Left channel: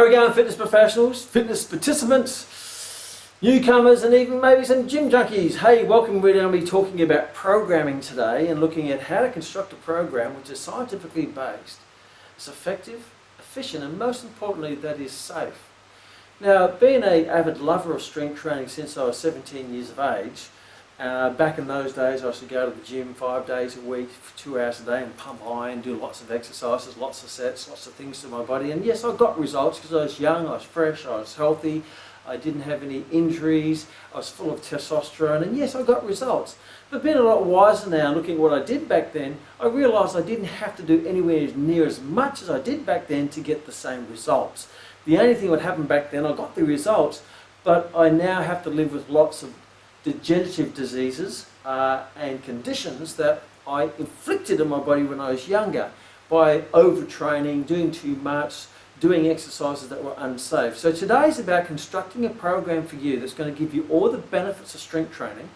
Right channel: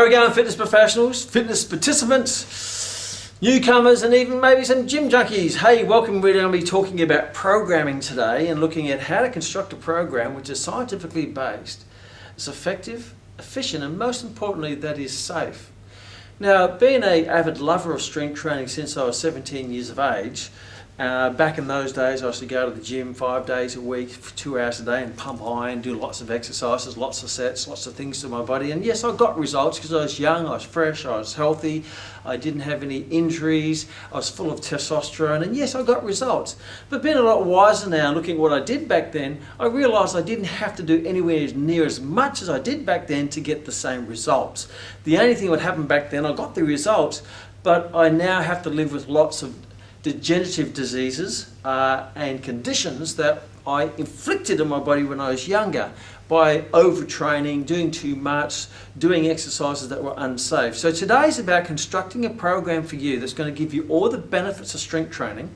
How are we going, fitness professionals, fitness participants, newcomers, and even maybe some gym junkies? Hey, welcome. We're going to be talking about programming today and looking at how to construct a program which is scientifically based, it's effective, efficient, and most importantly, that is safe. Now, being an avid lover of strength training since I was 17 years of age, back in those days I used to go to the gym 5 days a week for 2 hours a day and pump iron, do lots of exercises, lots of sets, lots of things to my body. And yes, I got results because I was young, I was fresh, I was healthy, I didn't have any injuries, I was full of testosterone, and yes, I got results. But being a lot wiser now, looking at what I did back then, I realised I didn't have to do anywhere near as much as I did back then to get the same results. The only thing that happened back then, I got the results, but I now have to live with lots of degenerative diseases and conditions that I inflicted on my body when I was younger by overtraining, doing too much, doing exercises that were unsafe. So today is about constructing a program for you that's going to give you all the benefits of strength training.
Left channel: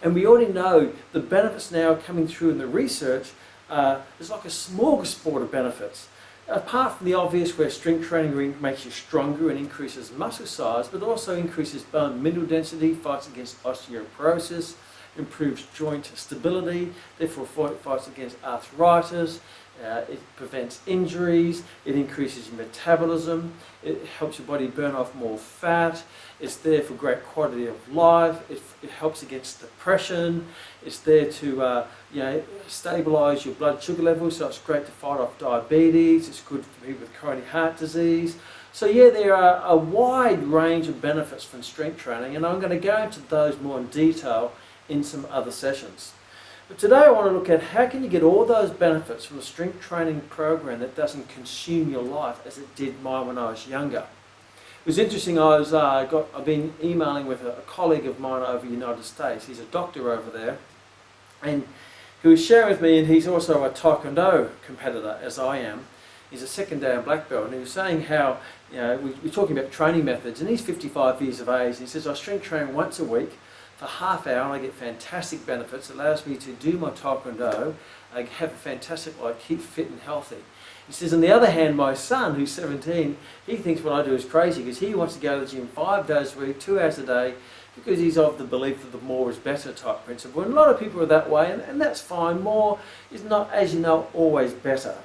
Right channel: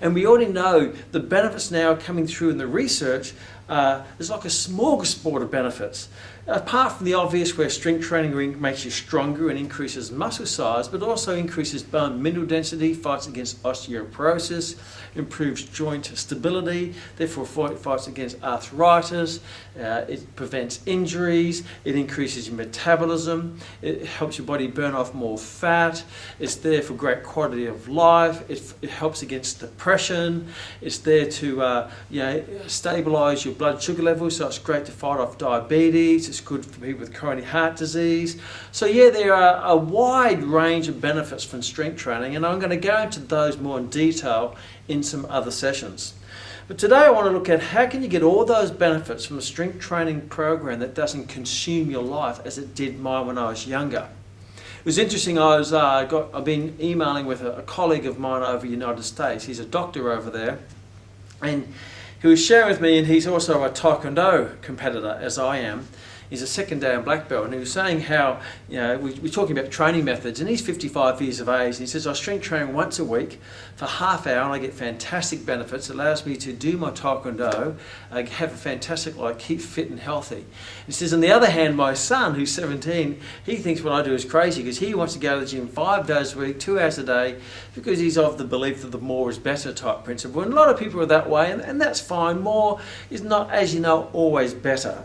And we already know the benefits now coming through in the research. There's like a smorgasbord of benefits. Apart from the obvious where strength training makes you stronger and increases muscle size, but also increases bone mineral density, fights against osteoporosis, improves joint stability, therefore fights against arthritis, it prevents injuries, it increases your metabolism, it helps your body burn off more fat, it's there for great quality of life, it helps against depression, it's there to stabilise your blood sugar levels, so it's great to fight off diabetes, it's good for people with coronary heart disease. So yeah, there are a wide range of benefits from strength training, and I'm going to go into those more in detail in some other sessions. But today I want to look at how can you get all those benefits from a strength training program that doesn't consume your life as it did mine when I was younger. It was interesting, I've been emailing with a colleague of mine over the United States. He's a doctor over there, and he was sharing with me, and he's also a Taekwondo competitor as I am. He's a second dan black belt, and he was saying how, we're talking about training methods, and he's 55 years of age, and he says, I strength train once a week for half hour, and I get fantastic benefits. It allows me to do my Taekwondo, have a fantastic life, keep fit and healthy. He says, on the other hand, my son, who's 17, he thinks what I do is crazy, because he wants to go to the gym 5 days a week, 2 hours a day, because he's of the belief that the more is better type principle. And a lot of people are that way, and that's fine. More is not, as you know, always better.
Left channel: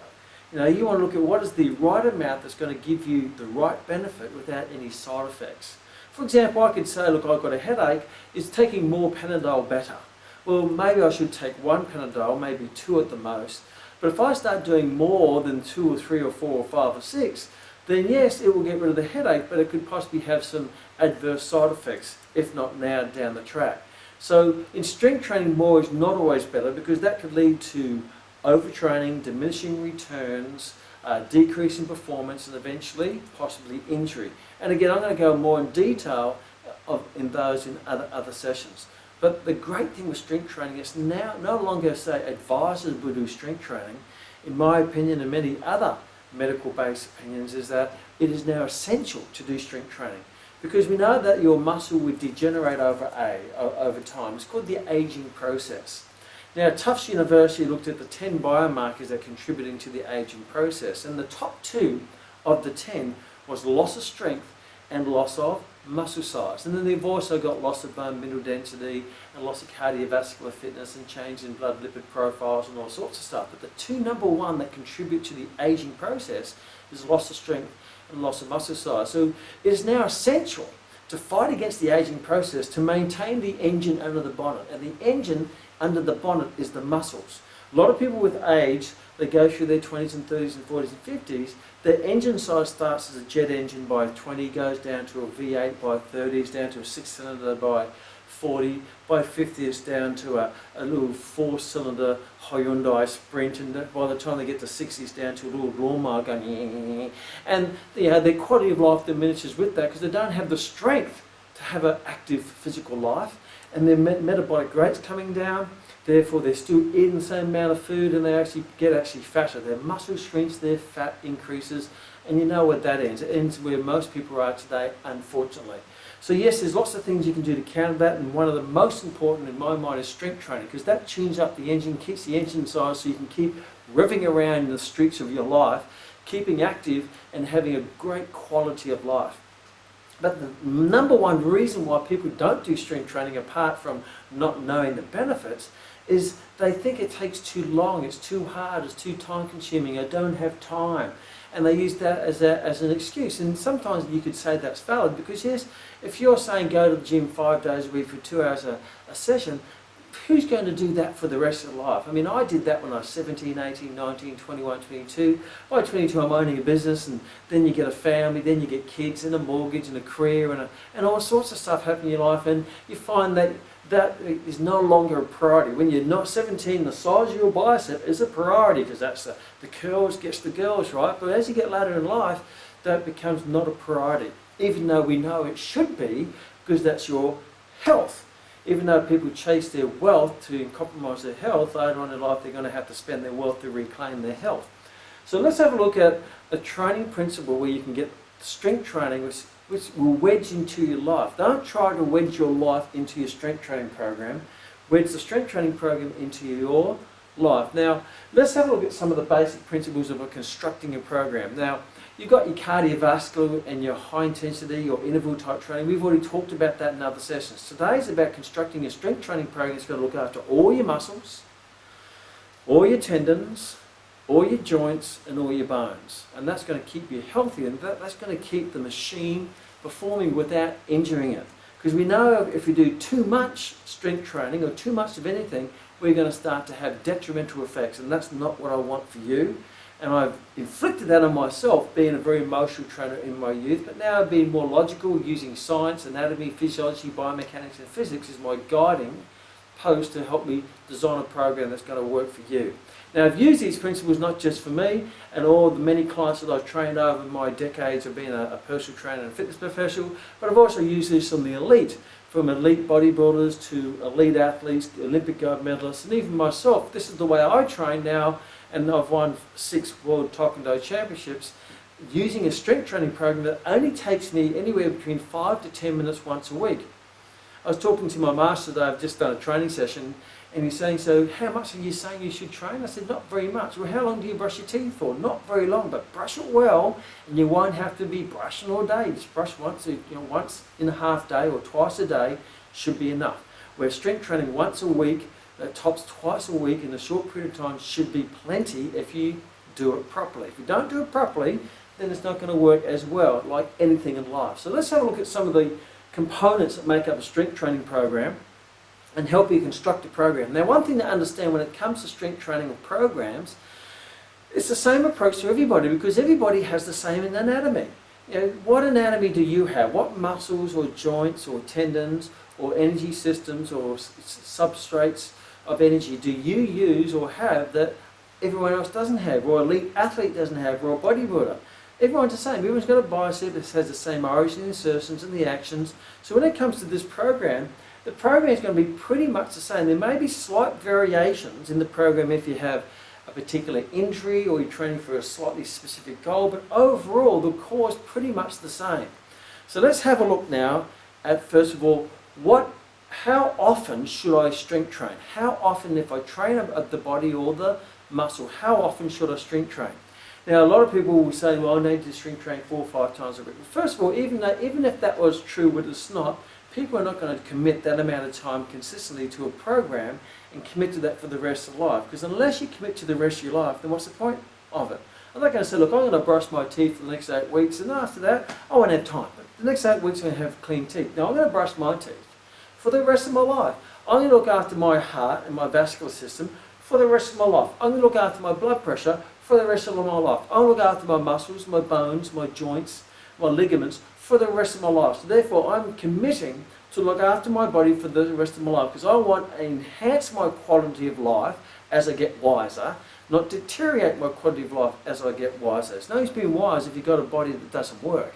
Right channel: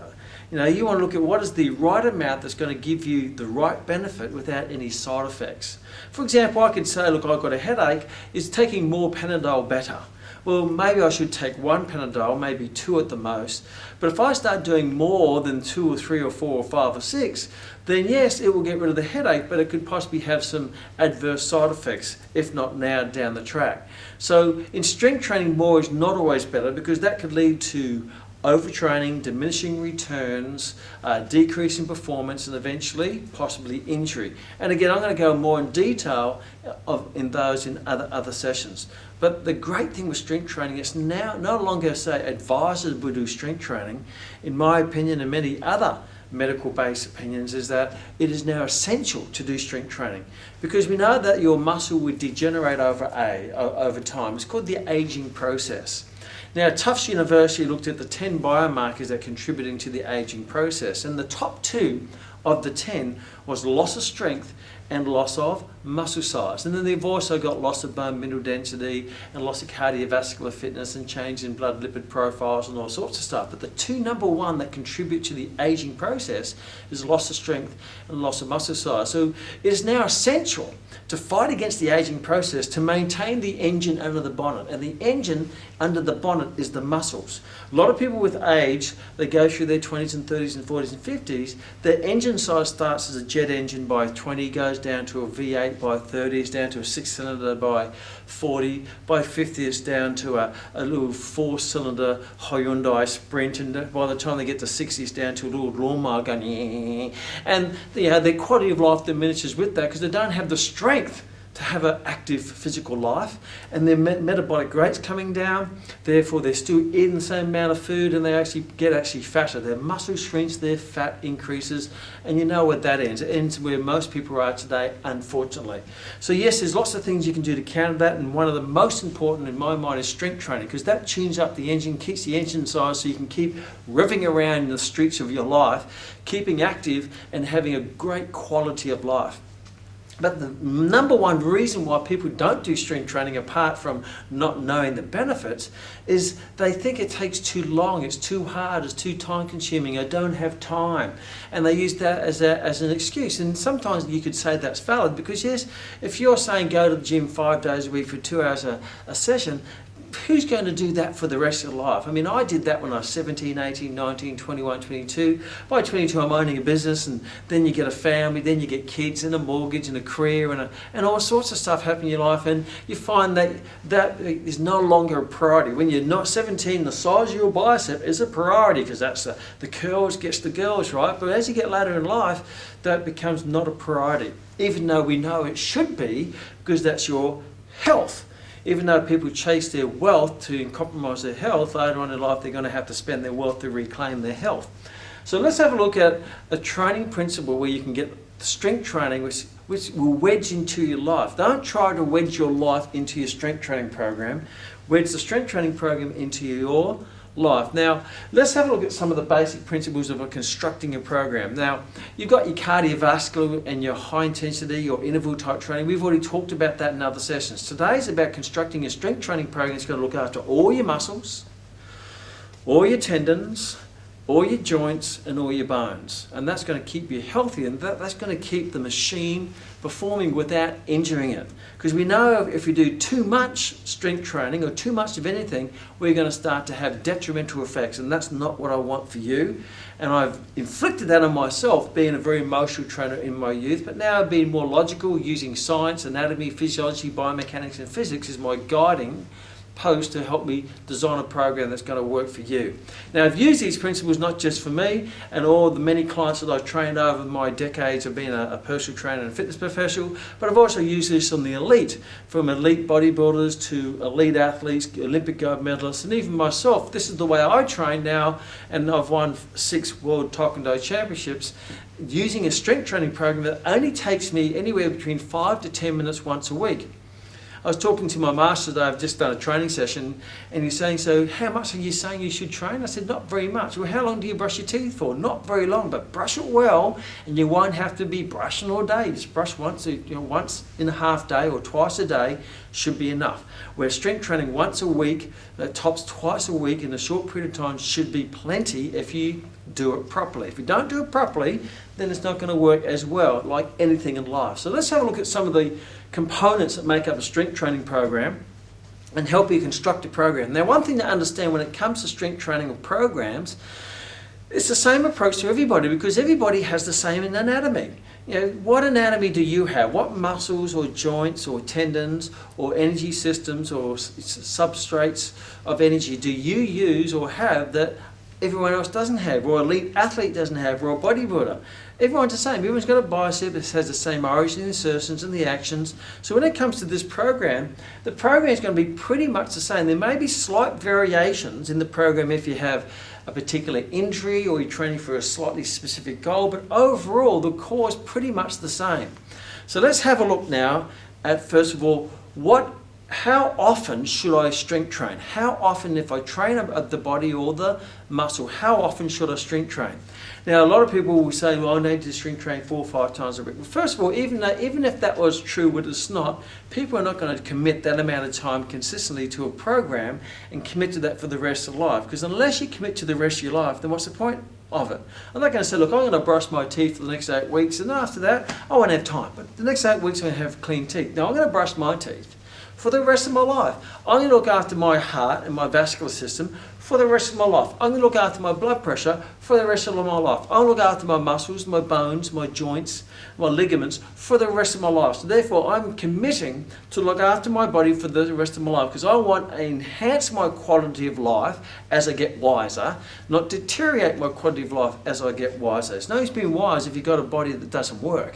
You want to look at what is the right amount that's going to give you the right benefit without any side effects. For example, I could say, look, I've got a headache, is taking more Panadol better? Well, maybe I should take 1 Panadol, maybe 2 at the most. But if I start doing more than 2 or 3 or 4 or 5 or 6, then yes, it will get rid of the headache, but it could possibly have some adverse side effects, if not now down the track. So in strength training, more is not always better, because that could lead to overtraining, diminishing returns, decrease in performance, and eventually possibly injury. And again, I'm going to go more in detail in those in other sessions. But the great thing with strength training is now no longer, say, advisors will do strength training. In my opinion, and many other medical-based opinions, is that it is now essential to do strength training, because we know that your muscle would degenerate over time. It's called the aging process. Now, Tufts University looked at the 10 biomarkers that are contributing to the aging process, and the top 2 of the 10 was loss of strength and loss of muscle size. And then they've also got loss of bone mineral density and loss of cardiovascular fitness and change in blood lipid profiles and all sorts of stuff. But the 2 number 1 that contribute to the aging process is loss of strength and loss of muscle size. So it is now essential to fight against the aging process, to maintain the engine under the bonnet. And the engine under the bonnet is the muscles. A lot of people with age, they go through their 20s and 30s and 40s and 50s, their engine size starts as a jet engine by 20, goes down to a V8 by 30, is down to a 6-cylinder by 40, by 50 it's down to a little 4-cylinder Hyundai Sprint, and by the time they get to 60 it's down to a little lawnmower going, and their quality of life diminishes with that, because they don't have the strength to have an active physical life, and their metabolic rate's coming down, therefore they're still eating the same amount of food and they actually get fatter. Their muscle shrinks, their fat increases, and you know what that ends. It ends where most people are today, unfortunately. So yes, there's lots of things you can do to counter that, and one of the most important in my mind is strength training, because that tunes up the engine, keeps the engine size so you can keep revving around in the streets of your life, keeping active and having a great quality of life. But the number one reason why people don't do strength training, apart from not knowing the benefits, is they think it takes too long, it's too hard, it's too time consuming, I don't have time. And they use that as an excuse. And sometimes you could say that's valid, because yes, if you're saying go to the gym 5 days a week for 2 hours a session, who's going to do that for the rest of their life? I mean, I did that when I was 17, 18, 19, 21, 22. By 22, I'm owning a business, and then you get a family, then you get kids and a mortgage and a career and all sorts of stuff happen in your life, and you find that is no longer a priority. When you're not 17, the size of your bicep is a priority, because that's the curls gets the girls, right? But as you get later in life, that becomes not a priority, even though we know it should be, because that's your health. Even though people chase their wealth to compromise their health, later on in life they're going to have to spend their wealth to reclaim their health. So let's have a look at a training principle where you can get strength training which will wedge into your life. Don't try to wedge your life into your strength training program. Wedge the strength training program into your life. Now, let's have a look at some of the basic principles of constructing a program. Now, you've got your cardiovascular and your high intensity or interval type training. We've already talked about that in other sessions. Today's about constructing a strength training program that's going to look after all your muscles, all your tendons, all your joints and all your bones. And that's going to keep you healthy, and that's going to keep the machine performing without injuring it. Because we know if we do too much strength training or too much of anything, we're going to start to have detrimental effects, and that's not what I want for you. And I've inflicted that on myself, being a very emotional trainer in my youth, but now I've been more logical, using science, anatomy, physiology, biomechanics and physics as my guiding post to help me design a program that's going to work for you. Now, I've used these principles not just for me and all the many clients that I've trained over my decades of being a personal trainer and fitness professional, but I've also used this on the elite, from elite bodybuilders to elite athletes, Olympic gold medalists, and even myself. This is the way I train now, and I've won 6 World Taekwondo Championships using a strength training program that only takes me anywhere between 5 to 10 minutes once a week. I was talking to my master today. I've just done a training session, and he's saying, so how much are you saying you should train? I said, not very much. Well, how long do you brush your teeth for? Not very long, but brush it well, and you won't have to be brushing all day. Just brush once in a half day or twice a day should be enough. Where strength training once a week, tops twice a week in a short period of time should be plenty if you do it properly. If you don't do it properly, then it's not going to work as well, like anything in life. So let's have a look at some of the components that make up a strength training program and help you construct a program. Now, one thing to understand when it comes to strength training or programs, it's the same approach to everybody, because everybody has the same anatomy. You know, what anatomy do you have? What muscles or joints or tendons or energy systems or substrates of energy do you use or have that everyone else doesn't have, or elite athlete doesn't have, or a bodybuilder? Everyone's the same. Everyone's got a bicep that has the same origin, the insertions and the actions. So when it comes to this program, the program is going to be pretty much the same. There may be slight variations in the program if you have a particular injury or you're training for a slightly specific goal, but overall the core is pretty much the same. So let's have a look now at, first of all, how often should I strength train? How often, if I train the body or the muscle, how often should I strength train? Now, a lot of people will say, well, I need to strength train 4 or 5 times a week. Well, first of all, even if that was true, but it's not, people are not going to commit that amount of time consistently to a program and commit to that for the rest of life. Because unless you commit to the rest of your life, then what's the point of it? I'm not going to say, look, I'm going to brush my teeth for the next 8 weeks, and after that, I won't have time. But the next 8 weeks, I'm going to have clean teeth. Now, I'm going to brush my teeth for the rest of my life. I'm going to look after my heart and my vascular system for the rest of my life. I'm going to look after my blood pressure for the rest of my life. I'm going to look after my muscles, my bones, my joints, my ligaments for the rest of my life. So therefore, I'm committing to look after my body for the rest of my life, because I want to enhance my quality of life as I get wiser, not deteriorate my quality of life as I get wiser. It's no use being wise if you've got a body that doesn't work.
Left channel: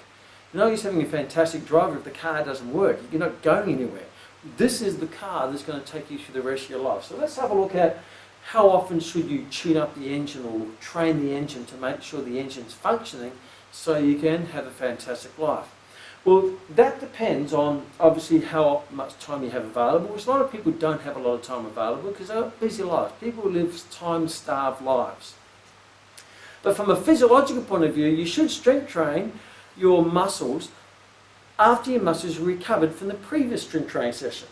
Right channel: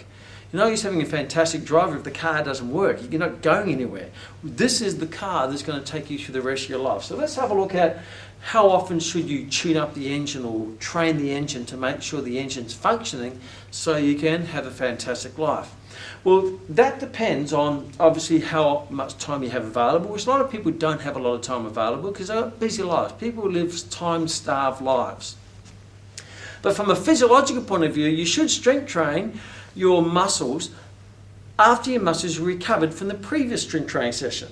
You're no use having a fantastic driver if the car doesn't work. You're not going anywhere. This is the car that's going to take you through the rest of your life. So let's have a look at how often should you tune up the engine or train the engine to make sure the engine's functioning so you can have a fantastic life. Well, that depends on obviously how much time you have available, which a lot of people don't have a lot of time available because they've got busy lives. People live time-starved lives. But from a physiological point of view, you should strength train your muscles after your muscles are recovered from the previous strength training session.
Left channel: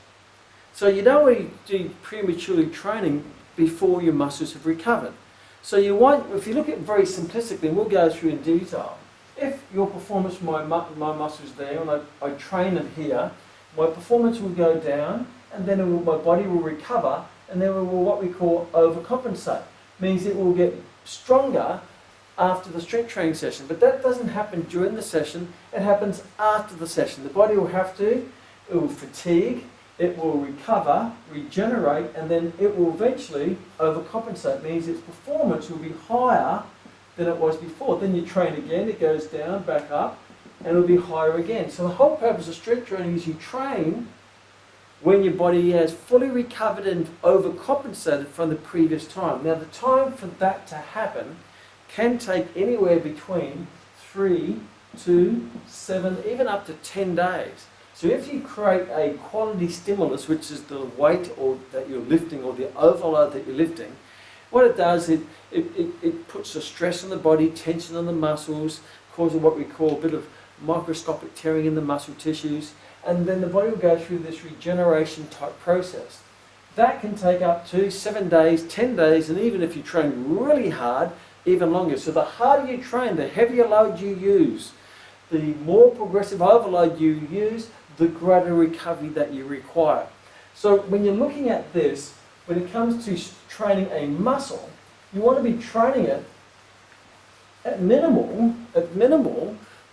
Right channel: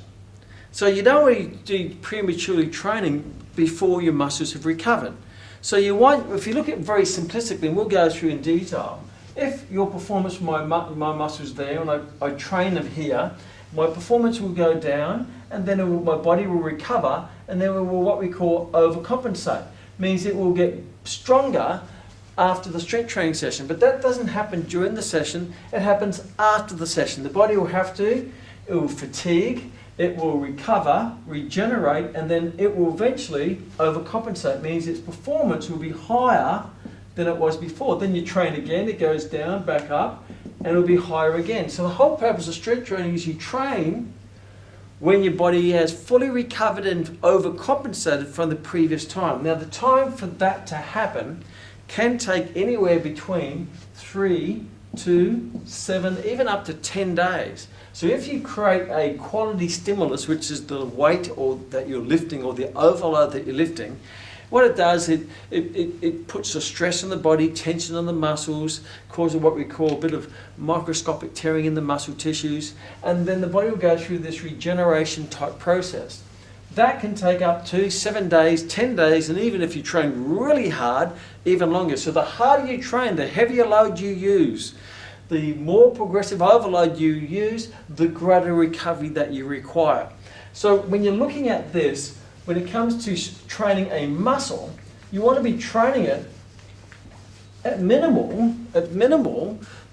So you don't want to do prematurely training before your muscles have recovered. So you want, if you look at it very simplistically, and we'll go through in detail, if your performance, my muscles there, and I train them here, my performance will go down, and then my body will recover, and then it will what we call overcompensate. Means it will get stronger after the strength training session, but that doesn't happen during the session, it happens after the session. The body will have to, it will fatigue, it will recover, regenerate, and then it will eventually overcompensate. Means its performance will be higher than it was before. Then you train again, it goes down, back up, and it'll be higher again. So the whole purpose of strength training is you train when your body has fully recovered and overcompensated from the previous time. Now the time for that to happen can take anywhere between 3 to 7, even up to 10 days. So if you create a quality stimulus, which is the weight or that you're lifting or the overload that you're lifting, what it does, it puts the stress on the body, tension on the muscles, causing what we call a bit of microscopic tearing in the muscle tissues, and then the body will go through this regeneration type process. That can take up to 7 days, 10 days, and even if you train really hard, even longer. So the harder you train, the heavier load you use, the more progressive overload you use, the greater recovery that you require. So when you're looking at this, when it comes to training a muscle, you want to be training it at minimal,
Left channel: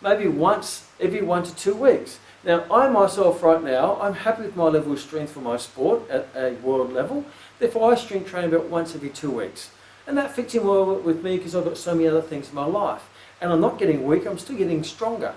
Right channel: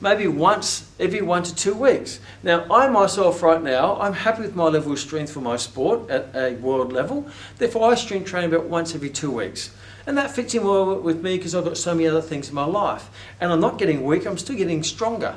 maybe once every 1 to 2 weeks. Now, I myself right now, I'm happy with my level of strength for my sport at a world level. Therefore, I strength train about once every 2 weeks. And that fits in well with me because I've got so many other things in my life. And I'm not getting weak, I'm still getting stronger.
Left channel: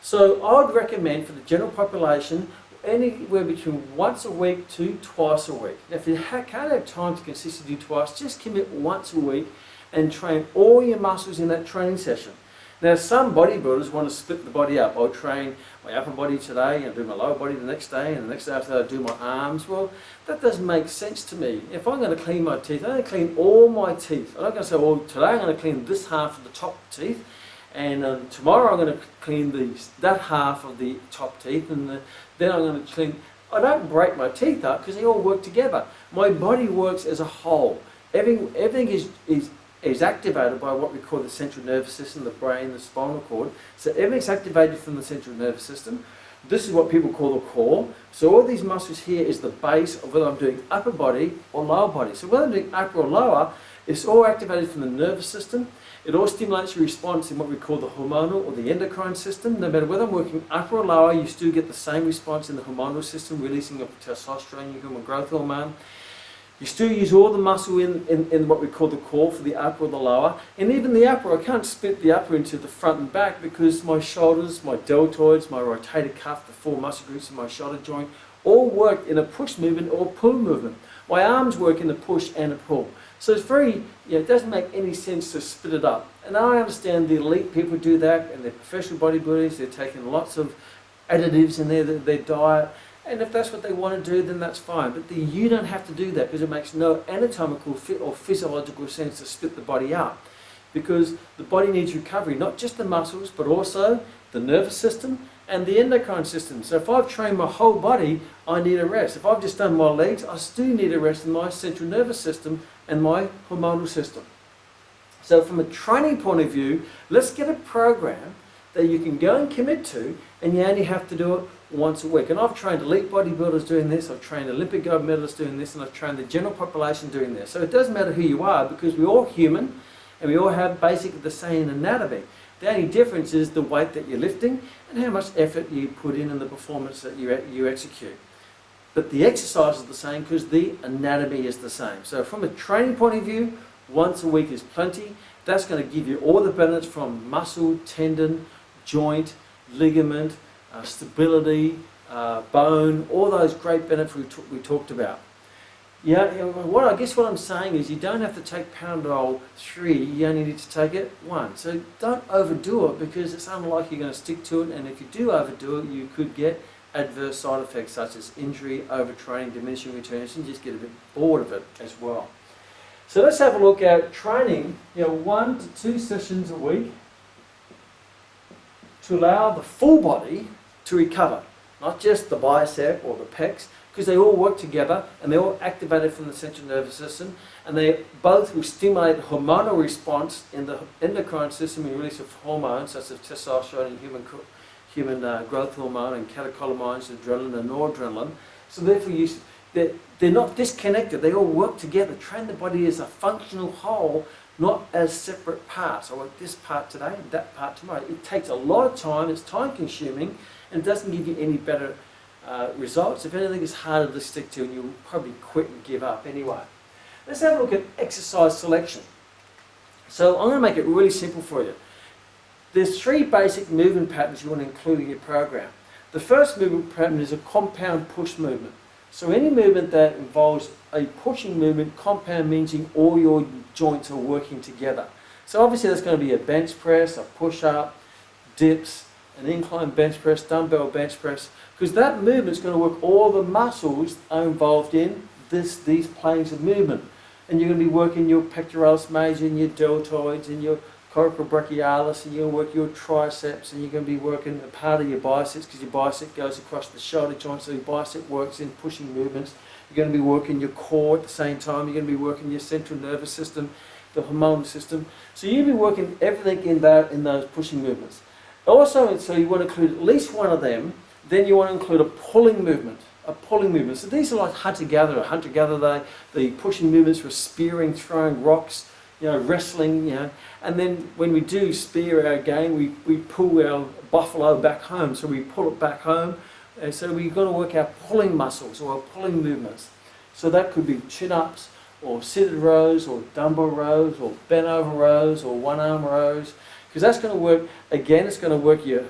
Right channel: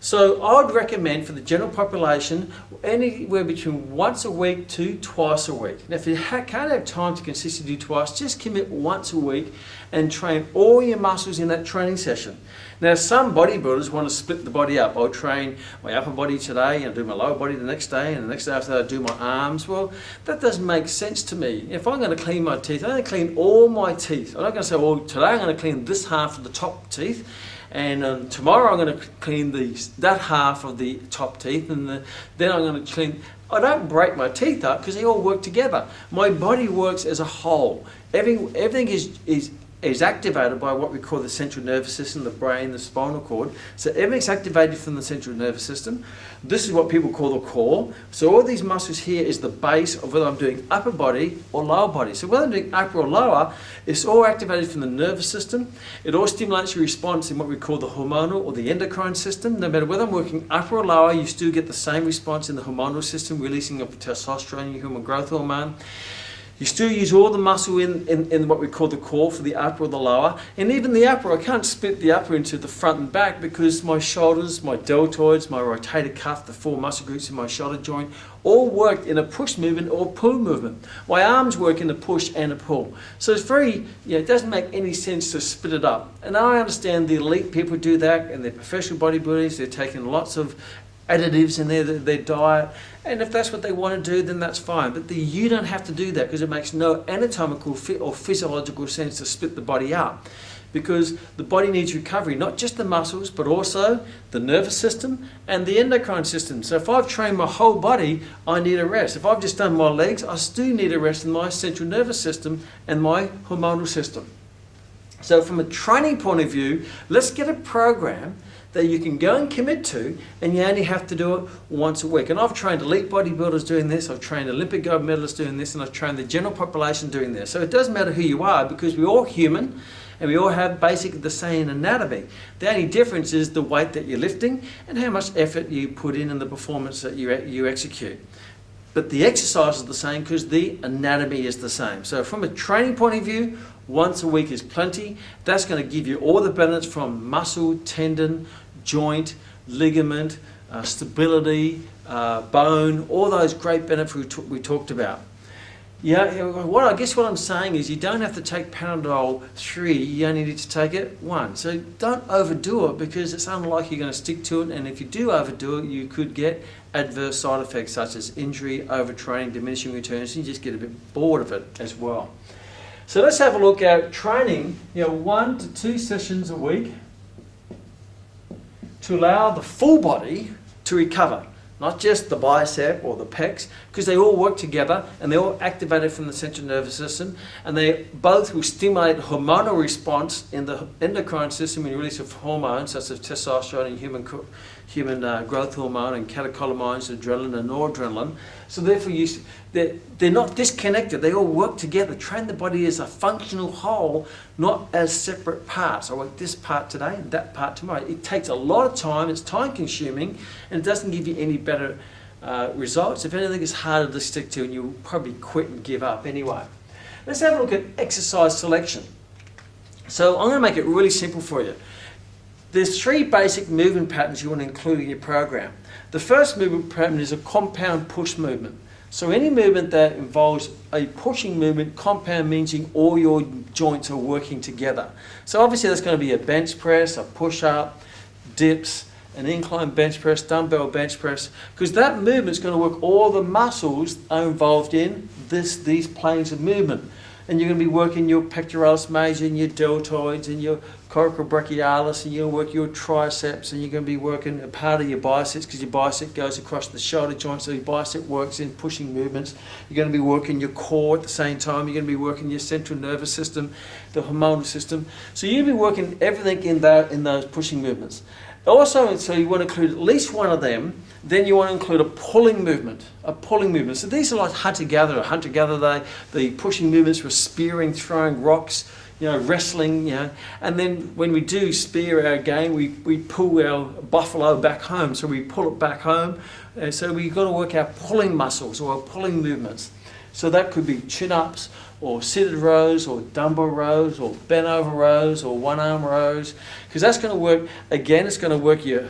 So I would recommend for the general population anywhere between once a week to twice a week. Now if you can't have time to consistently do twice, just commit once a week and train all your muscles in that training session. Now some bodybuilders want to split the body up. I'll train my upper body today and do my lower body the next day, and the next day after that I'll do my arms. Well, that doesn't make sense to me. If I'm going to clean my teeth, I'm going to clean all my teeth. I'm not going to say, well, today I'm going to clean this half of the top teeth, and tomorrow I'm going to clean that half of the top teeth, and then I'm going to clean. I don't break my teeth up because they all work together. My body works as a whole. Everything is activated by what we call the central nervous system, the brain, the spinal cord. So everything's activated from the central nervous system. This is what people call the core. So all these muscles here is the base of whether I'm doing upper body or lower body. So whether I'm doing upper or lower, it's all activated from the nervous system. It all stimulates your response in what we call the hormonal or the endocrine system. No matter whether I'm working upper or lower, you still get the same response in the hormonal system, releasing of testosterone, your human growth hormone. You still use all the muscle in what we call the core for the upper or the lower. And even the upper, I can't split the upper into the front and back because my shoulders, my deltoids, my rotator cuff, the 4 muscle groups in my shoulder joint, all work in a push movement or pull movement. My arms work in a push and a pull. So it's very, it doesn't make any sense to split it up. And I understand the elite people do that, and they're professional bodybuilders, they're taking lots of additives in their diet. And if that's what they want to do, then that's fine. But you don't have to do that because it makes no anatomical or physiological sense to split the body up. Because the body needs recovery, not just the muscles, but also the nervous system and the endocrine system. So if I've trained my whole body, I need a rest. If I've just done my legs, I still need a rest in my central nervous system and my hormonal system. So from a training point of view, let's get a program that you can go and commit to, and you only have to do it once a week. And I've trained elite bodybuilders doing this, I've trained Olympic gold medalists doing this, and I've trained the general population doing this. So it doesn't matter who you are because we're all human and we all have basically the same anatomy. The only difference is the weight that you're lifting and how much effort you put in the performance that you execute. But the exercise is the same because the anatomy is the same. So from a training point of view, once a week is plenty. That's going to give you all the benefits from muscle, tendon, joint, ligament, stability, bone, all those great benefits we talked about. Yeah, I guess what I'm saying is you don't have to take Panadol 3, you only need to take it 1. So don't overdo it, because it's unlikely you're going to stick to it, and if you do overdo it, you could get adverse side effects such as injury, overtraining, diminishing returns, and you just get a bit bored of it as well. So let's have a look at training, 1 to 2 sessions a week to allow the full body to recover. Not just the bicep or the pecs, because they all work together and they're all activated from the central nervous system, and they both will stimulate hormonal response in the endocrine system and release of hormones such as testosterone and human growth hormone and catecholamines, adrenaline and noradrenaline. So therefore they're not disconnected, they all work together. Train the body as a functional whole, not as separate parts. I work this part today and that part tomorrow. It takes a lot of time, it's time consuming, and it doesn't give you any better results. If anything, it's harder to stick to, and you'll probably quit and give up anyway. Let's have a look at exercise selection. So I'm going to make it really simple for you. There's 3 basic movement patterns you want to include in your program. The first movement pattern is a compound push movement. So any movement that involves a pushing movement, compound meaning all your joints are working together. So obviously that's going to be a bench press, a push-up, dips, an incline bench press, dumbbell bench press, because that movement is going to work all the muscles are involved in these planes of movement. And you're going to be working your pectoralis major and your deltoids and your coracobrachialis, and you'll work your triceps, and you're going to be working a part of your biceps, because your bicep goes across the shoulder joint, so your bicep works in pushing movements. You're going to be working your core at the same time. You're going to be working your central nervous system, the hormonal system. So you'll be working everything in those pushing movements. Also, so you want to include at least one of them. Then you want to include a pulling movement. So these are like hunter-gatherer. Hunter-gatherer, the pushing movements were spearing, throwing rocks, wrestling, and then when we do spear our game, we pull our buffalo back home, so we pull it back home, and so we've got to work our pulling muscles or our pulling movements. So that could be chin-ups, or seated rows, or dumbbell rows, or bent over rows, or one-arm rows, because that's going to work, again, it's going to work your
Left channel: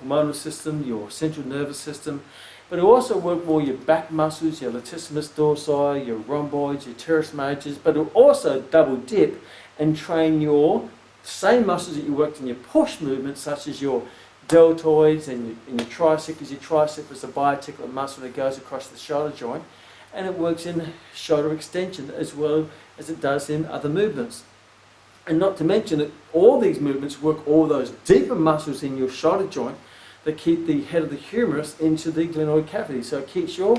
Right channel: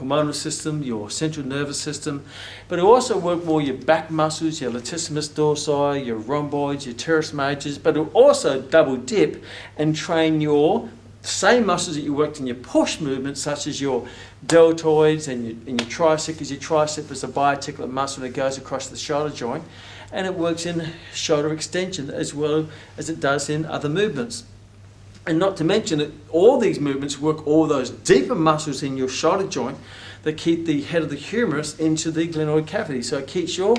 hormonal system, your central nervous system, but it also work more your back muscles, your latissimus dorsi, your rhomboids, your teres majors, but it will also double dip and train your same muscles that you worked in your push movements, such as your deltoids and your tricep, because your tricep is a biarticulate muscle that goes across the shoulder joint, and it works in shoulder extension as well as it does in other movements. And not to mention that all these movements work all those deeper muscles in your shoulder joint that keep the head of the humerus into the glenoid cavity. So it keeps your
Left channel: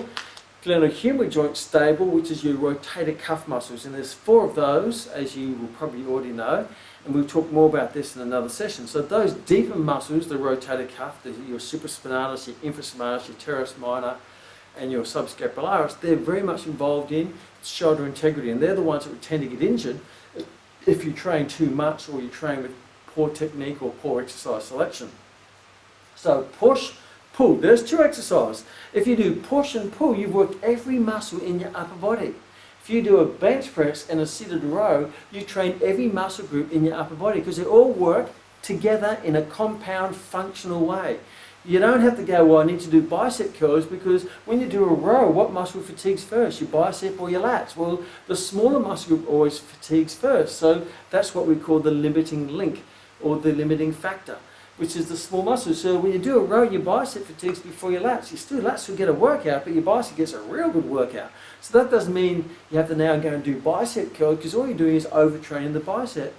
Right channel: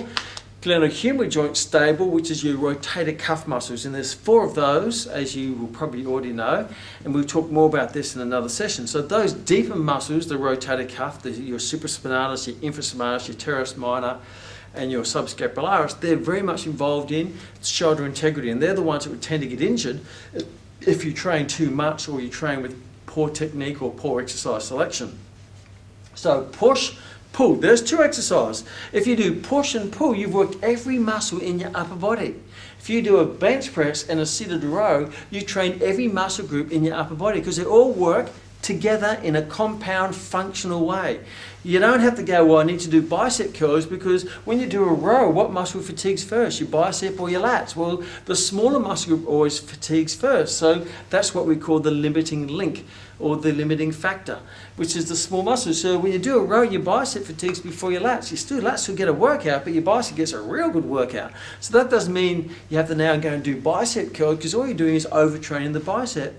glenohumeral joint stable, which is your rotator cuff muscles. And there's 4 of those, as you will probably already know, and we'll talk more about this in another session. So those deeper muscles, the rotator cuff, your supraspinalis, your infraspinalis, your teres minor, and your subscapularis, they're very much involved in shoulder integrity, and they're the ones that would tend to get injured if you train too much, or you train with poor technique or poor exercise selection. So push, pull, there's 2 exercises. If you do push and pull, you've worked every muscle in your upper body. If you do a bench press and a seated row, you train every muscle group in your upper body, because they all work together in a compound functional way. You don't have to go, well, I need to do bicep curls, because when you do a row, what muscle fatigues first, your bicep or your lats? Well, the smaller muscle group always fatigues first. So that's what we call the limiting link, or the limiting factor, which is the small muscle. So when you do a row, your bicep fatigues before your lats. Your lats will get a workout, but your bicep gets a real good workout. So that doesn't mean you have to now go and do bicep curls, because all you're doing is overtraining the bicep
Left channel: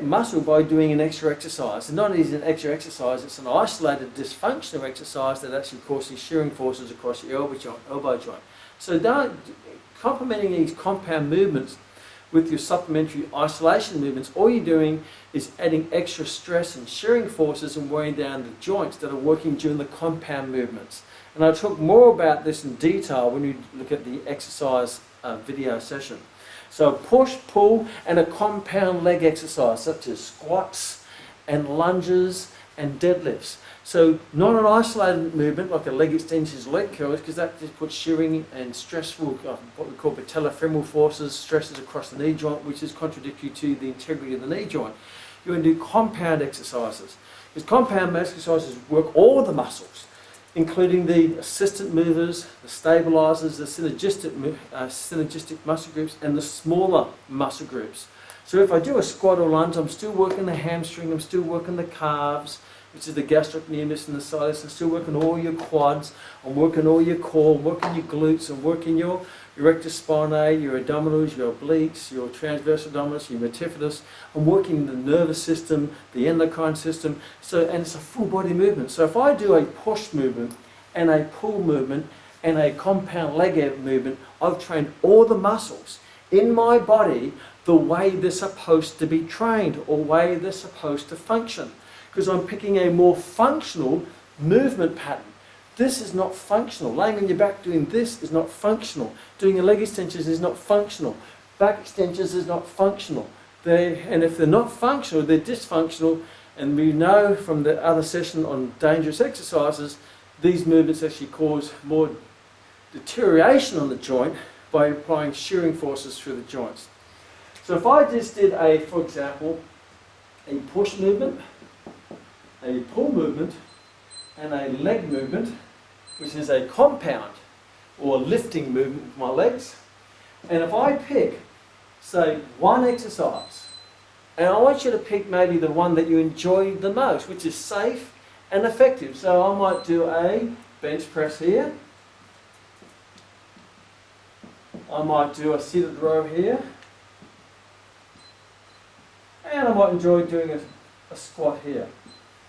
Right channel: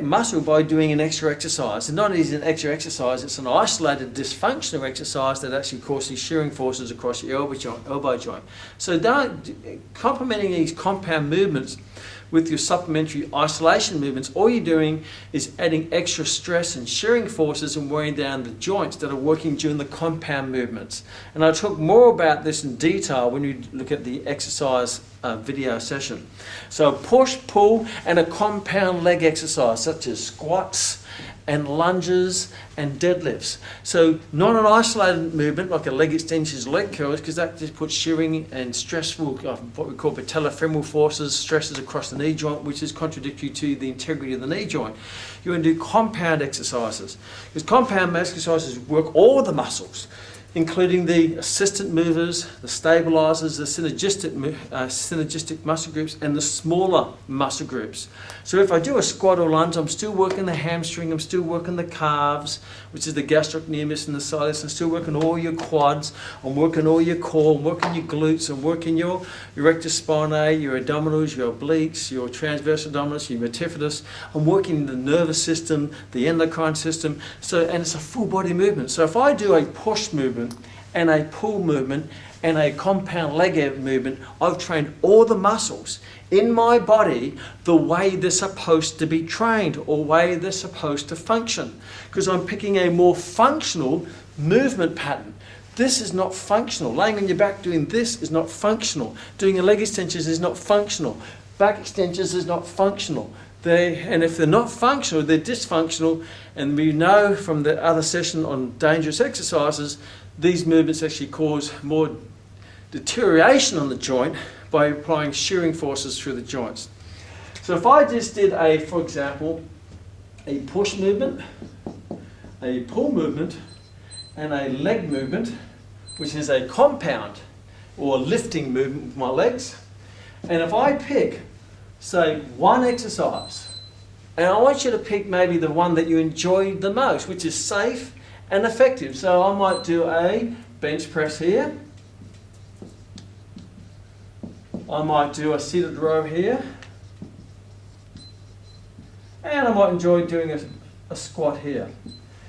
muscle by doing an extra exercise. And not only is it an extra exercise, it's an isolated dysfunctional exercise that actually causes shearing forces across your elbow joint. So complementing these compound movements with your supplementary isolation movements, all you're doing is adding extra stress and shearing forces and wearing down the joints that are working during the compound movements. And I'll talk more about this in detail when we look at the exercise video session. So push, pull, and a compound leg exercise, such as squats and lunges and deadlifts. So not an isolated movement like a leg extensions, leg curls, because that just puts shearing and stressful, what we call patellofemoral forces, stresses across the knee joint, which is contradictory to the integrity of the knee joint. You want to do compound exercises, because compound exercises work all the muscles, including the assistant movers, the stabilizers, the synergistic muscle groups, and the smaller muscle groups. So if I do a squat or lunge, I'm still working the hamstring, I'm still working the calves, which is the gastrocnemius and the soleus. I'm still working all your quads, I'm working all your core, I'm working your glutes, I'm working your rectus spinae, your abdominals, your obliques, your transverse abdominis, your multifidus. I'm working the nervous system, the endocrine system, and it's a full body movement. So if I do a push movement and a pull movement and a compound leg movement, I've trained all the muscles in my body the way they're supposed to be trained, or way they're supposed to function, because I'm picking a more functional movement pattern. This is not functional. Laying on your back doing this is not functional. Doing a leg extensions is not functional. Back extensions is not functional. And if they're not functional, they're dysfunctional. And we know from the other session on dangerous exercises, these movements actually cause more deterioration on the joint by applying shearing forces through the joints. So if I just did for example, a push movement, a pull movement, and a leg movement, which is a compound or lifting movement with my legs, and if I pick, say, one exercise, and I want you to pick maybe the one that you enjoy the most, which is safe and effective. So I might do a bench press here. I might do a seated row here. And I might enjoy doing a squat here.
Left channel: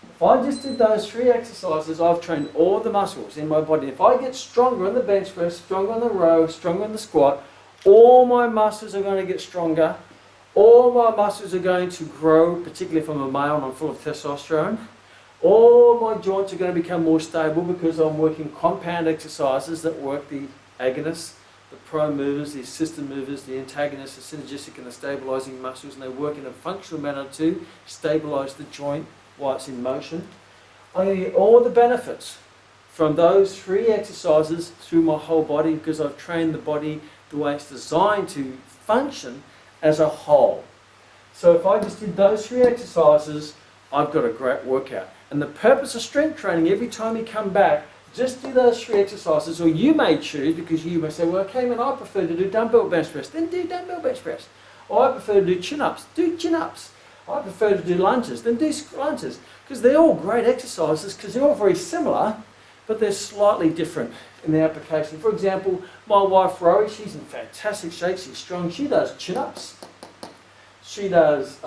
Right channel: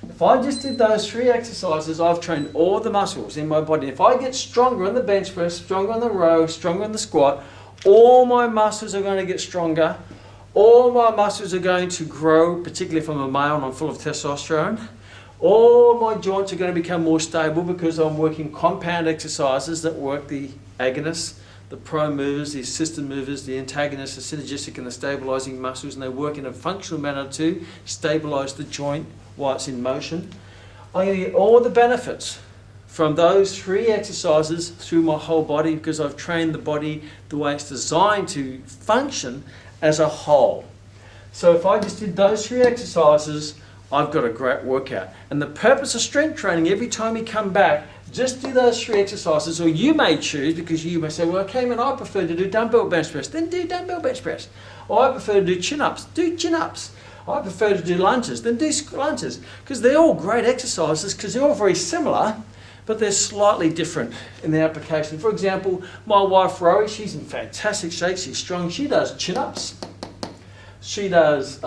If I just did those 3 exercises, I've trained all the muscles in my body. If I get stronger on the bench press, stronger on the row, stronger on the squat, all my muscles are going to get stronger. All my muscles are going to grow, particularly if I'm a male and I'm full of testosterone. All my joints are going to become more stable because I'm working compound exercises that work the agonists, the prime movers, the assistant movers, the antagonists, the synergistic and the stabilizing muscles, and they work in a functional manner to stabilize the joint while it's in motion. I'm going to get all the benefits from those 3 exercises through my whole body, because I've trained the body the way it's designed to function as a whole. So if I just did those 3 exercises, I've got a great workout. And the purpose of strength training, every time you come back, just do those 3 exercises, or you may choose, because you may say, well, okay, man, I prefer to do dumbbell bench press. Then do dumbbell bench press. Or I prefer to do chin-ups. Do chin-ups. I prefer to do lunges. Then do lunges. Because they're all great exercises, because they're all very similar, but they're slightly different in their application. For example, my wife, Rory, she's in fantastic shape. She's strong. She does chin-ups. She does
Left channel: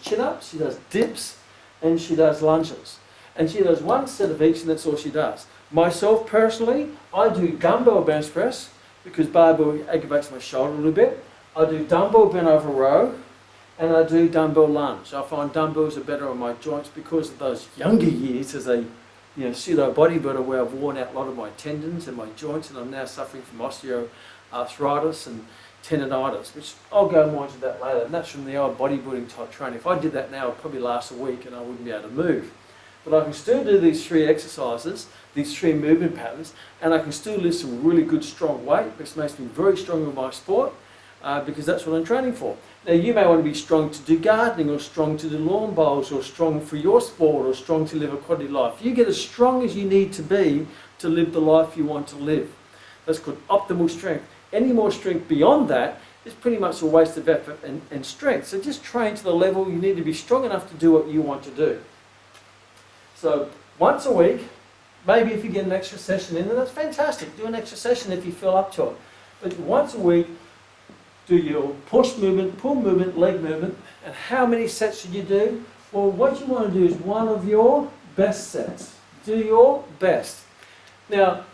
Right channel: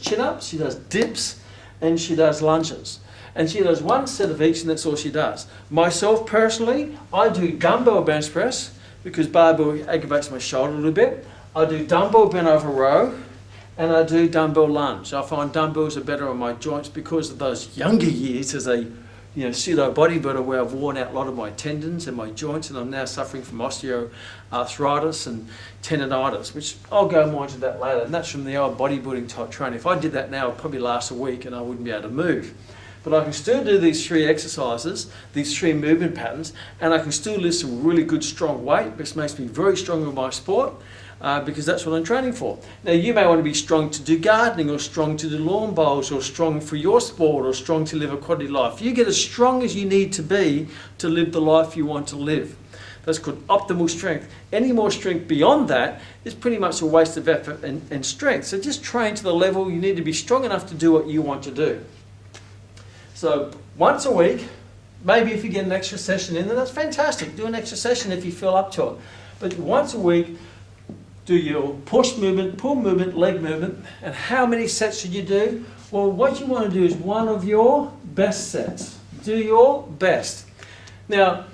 chin-ups, she does dips, and she does lunges. And she does 1 set of each, and that's all she does. Myself, personally, I do dumbbell bench press, because barbell aggravates my shoulder a little bit. I do dumbbell bent over row, and I do dumbbell lunge. I find dumbbells are better on my joints because of those younger years as a pseudo bodybuilder, where I've worn out a lot of my tendons and my joints, and I'm now suffering from osteoarthritis and tendonitis, which I'll go more into that later. And that's from the old bodybuilding type training. If I did that now, it'd probably last a week and I wouldn't be able to move. But I can still do these 3 exercises, these 3 movement patterns, and I can still lift some really good strong weight, which makes me very strong in my sport, because that's what I'm training for. Now you may want to be strong to do gardening, or strong to do lawn bowls, or strong for your sport, or strong to live a quality life. You get as strong as you need to be to live the life you want to live. That's called optimal strength. Any more strength beyond that is pretty much a waste of effort and strength. So just train to the level you need to be strong enough to do what you want to do. So once a week, maybe if you get an extra session in, then that's fantastic. Do an extra session if you feel up to it. But once a week, do your push movement, pull movement, leg movement. And how many sets should you do? Well, what you want to do is one of your best sets. Do your best. Now,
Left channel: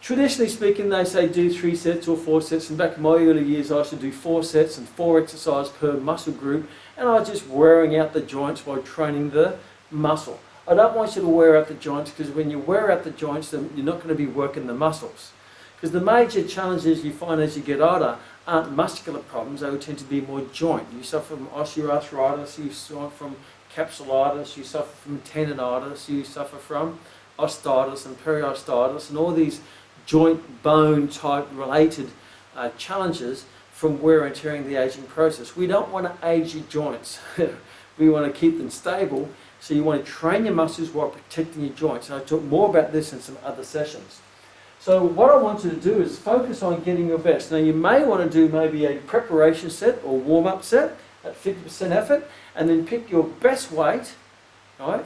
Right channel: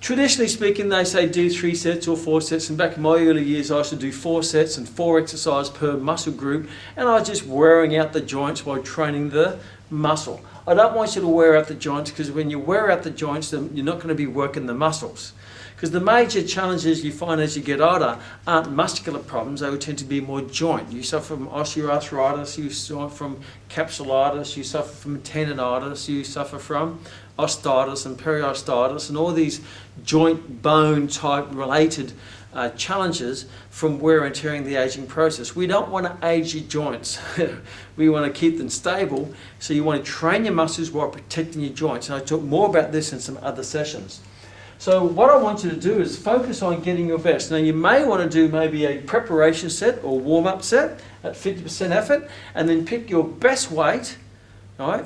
traditionally speaking, they say do 3 sets or 4 sets. And back in my early years, I used to do 4 sets and 4 exercises per muscle group. And I was just wearing out the joints while training the muscle. I don't want you to wear out the joints, because when you wear out the joints, then you're not going to be working the muscles. Because the major challenges you find as you get older aren't muscular problems, they would tend to be more joint. You suffer from osteoarthritis, you suffer from capsulitis, you suffer from tendonitis, you suffer from osteitis and periostitis and all these joint bone type related challenges from wear and tear in the aging process. We don't want to age your joints. We want to keep them stable, so you want to train your muscles while protecting your joints. And I'll talk more about this in some other sessions. So what I want you to do is focus on getting your best. Now you may want to do maybe a preparation set or warm-up set at 50% effort, and then pick your best weight, right,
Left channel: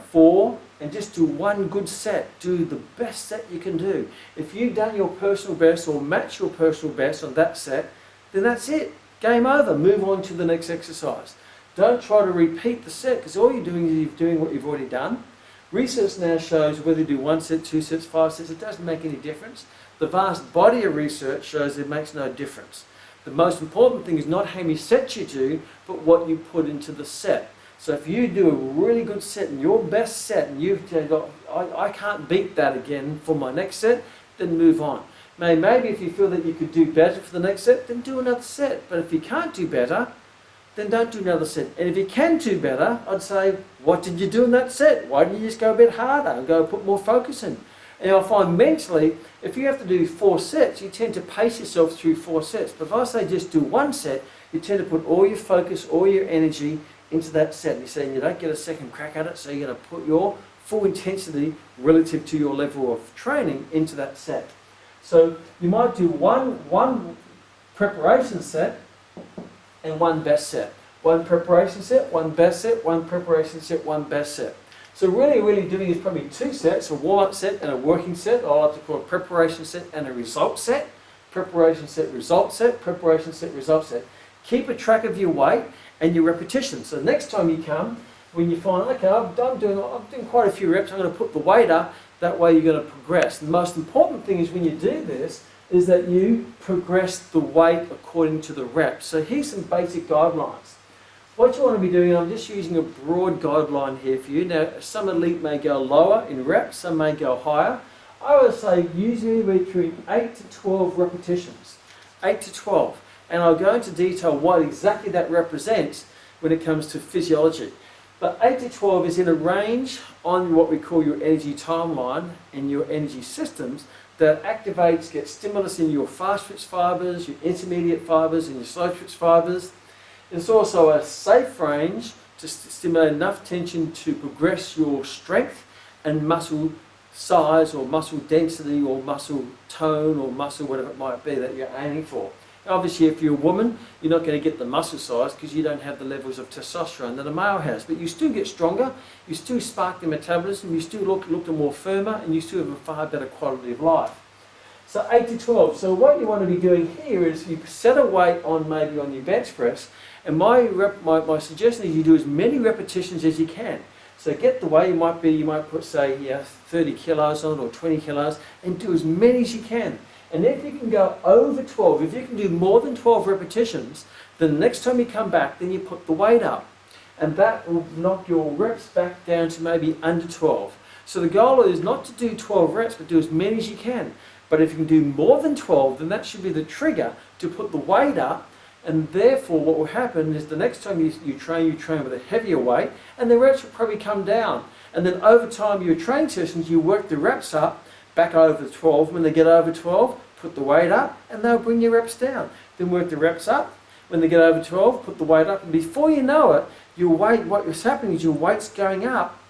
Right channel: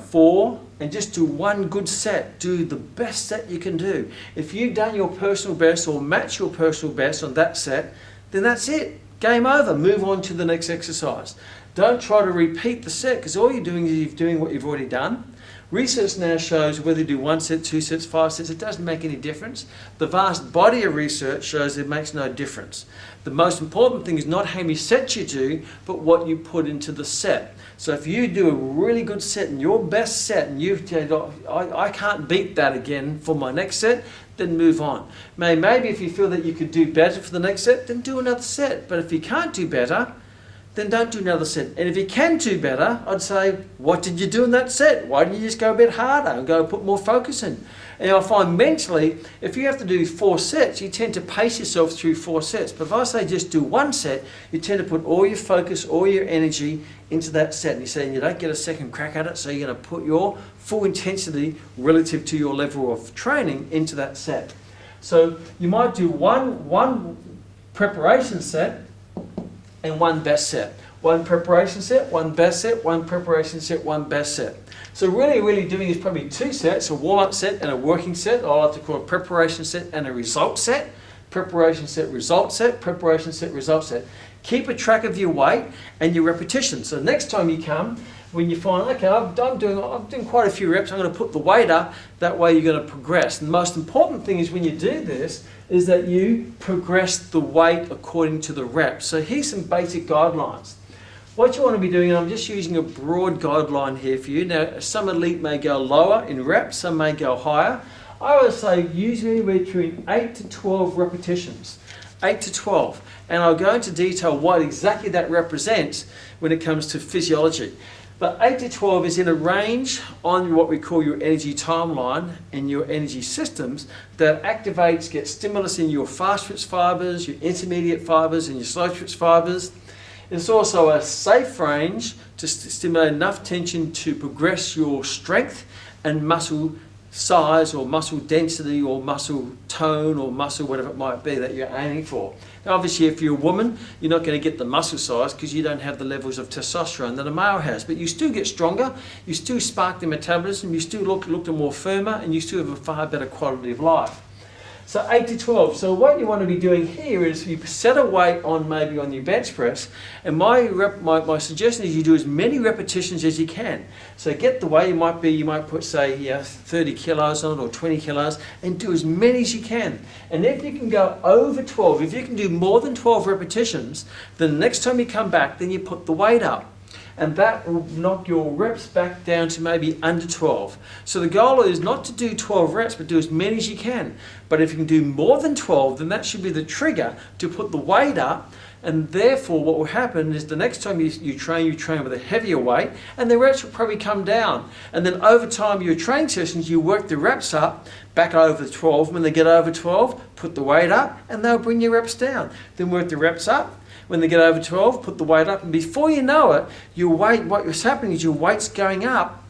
and just do one good set. Do the best set you can do. If you've done your personal best or match your personal best on that set, then that's it. Game over. Move on to the next exercise. Don't try to repeat the set, because all you're doing is you're doing what you've already done. Research now shows whether you do 1 set, 2 sets, 5 sets, it doesn't make any difference. The vast body of research shows it makes no difference. The most important thing is not how many sets you do, but what you put into the set. So if you do a really good set and your best set, and I can't beat that again for my next set, then move on. Maybe if you feel that you could do better for the next set, then do another set. But if you can't do better, then don't do another set. And if you can do better, I'd say, what did you do in that set? Why didn't you just go a bit harder and go put more focus in? And I find mentally, if you have to do 4 sets, you tend to pace yourself through 4 sets. But if I say just do 1 set, you tend to put all your focus, all your energy into that set. And you're saying you don't get a second crack at it, so you're going to put your full intensity relative to your level of training into that set. So you might do one preparation set and 1 best set. 1 preparation set, 1 best set, 1 preparation set, 1 best set. So really doing is probably 2 sets, a warm-up set and a working set. I like to call a preparation set and a result set. Preparation set, result set, preparation set, result set. Keep a track of your weight and your repetitions. So next time you come, when you find, okay, I'm doing quite a few reps, I'm going to put the weight up, that way you're going to progress. And the most important thing is when you do this, is that you progress the weight according to the reps. So here's some basic guidelines. What you want to be doing, and I'm just using a broad guideline here for you. Now, some elite may go lower in reps, some may go higher. I would say usually between 8 to 12 repetitions. 8 to 12. And I'll go into detail what exactly that represents when it comes to physiology. But 8 to 12 is in a range on what we call your energy timeline and your energy systems that activates, gets stimulus in your fast twitch fibers, your intermediate fibers and your slow twitch fibers. It's also a safe range to stimulate enough tension to progress your strength and muscle size or muscle density or muscle tone or muscle whatever it might be that you're aiming for. Obviously, if you're a woman, you're not going to get the muscle size because you don't have the levels of testosterone that a male has. But you still get stronger, you still spark the metabolism, you still look more firmer, and you still have a far better quality of life. So 8 to 12. So what you want to be doing here is you set a weight on maybe on your bench press, and my suggestion is you do as many repetitions as you can. So get the weight, you might put say 30 kilos on it or 20 kilos, and do as many as you can. And if you can go over 12, if you can do more than 12 repetitions, then the next time you come back, then you put the weight up. And that will knock your reps back down to maybe under 12. So the goal is not to do 12 reps, but do as many as you can. But if you can do more than 12, then that should be the trigger to put the weight up. And therefore, what will happen is the next time you train with a heavier weight, and the reps will probably come down. And then over time, your training sessions, you work the reps up, back over 12. When they get over 12, put the weight up, and they'll bring your reps down. Then work the reps up. When they get over 12, put the weight up, and before you know it, what's happening is your weight's going up,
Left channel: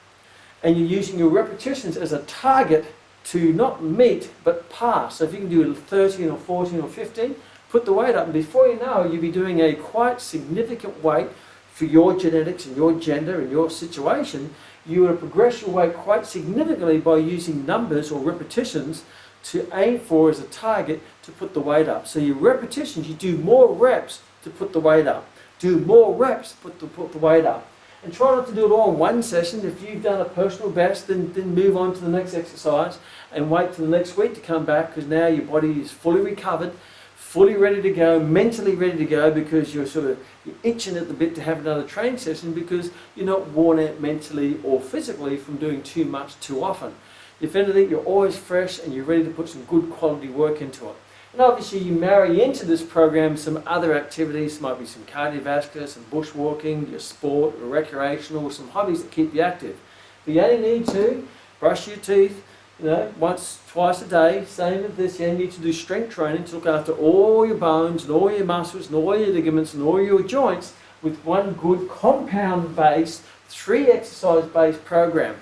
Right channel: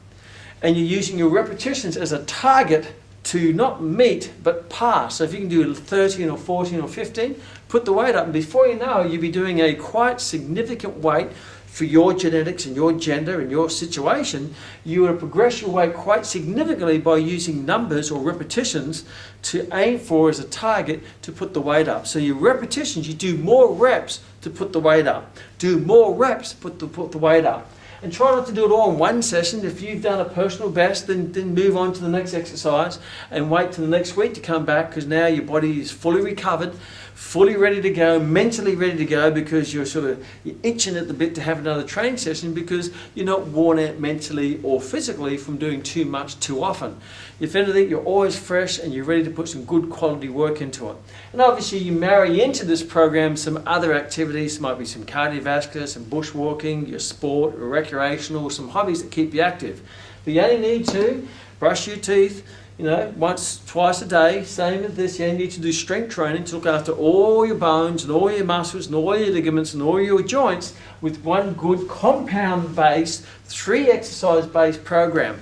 and you're using your repetitions as a target to not meet, but pass. So if you can do 13 or 14 or 15, put the weight up, and before you know it, you'll be doing a quite significant weight for your genetics and your gender and your situation. You will progress your weight quite significantly by using numbers or repetitions to aim for as a target to put the weight up. So your repetitions, you do more reps to put the weight up. Do more reps to put the weight up. And try not to do it all in one session. If you've done a personal best, then move on to the next exercise and wait till the next week to come back, because now your body is fully recovered, fully ready to go, mentally ready to go, because you're itching at the bit to have another training session because you're not worn out mentally or physically from doing too much too often. If anything, you're always fresh and you're ready to put some good quality work into it. And obviously you marry into this program some other activities, might be some cardiovascular, some bushwalking, your sport, or recreational, some hobbies that keep you active. But you only need to brush your teeth, once, twice a day, same as this. You only need to do strength training to look after all your bones and all your muscles and all your ligaments and all your joints with one good compound-based, 3 exercise-based program.